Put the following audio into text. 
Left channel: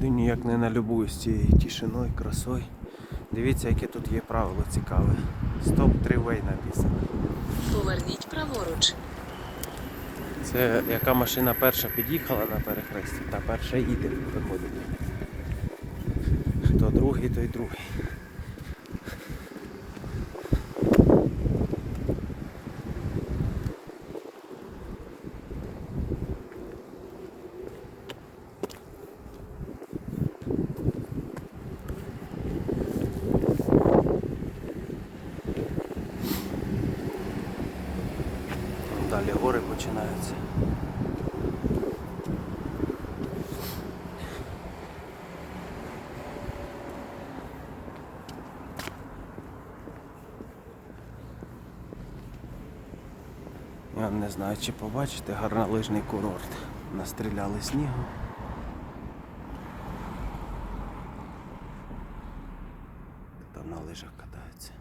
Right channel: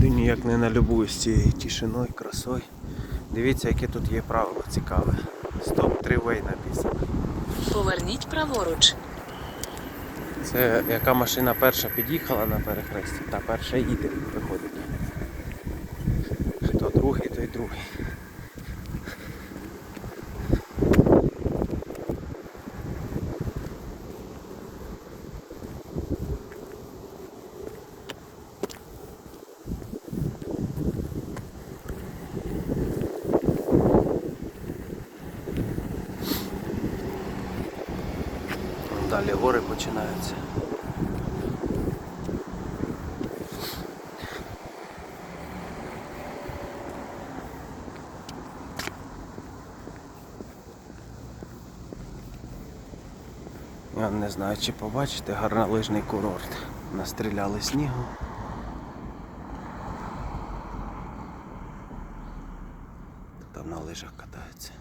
Ти ніяк не налюбуюсь цією тишиною, красою. Дивіться, яке тут є правило цікаве. Стоп, тривей написано. Поверніть праворуч. Це яка машина перша під'їхала на перехресті, та перша їде, виходить. Хто другий, той другий. Далі гори починаються. Я не знаю, чи побачите гарнолижний курорт. Настріляли снігу. Там на лижах катаються.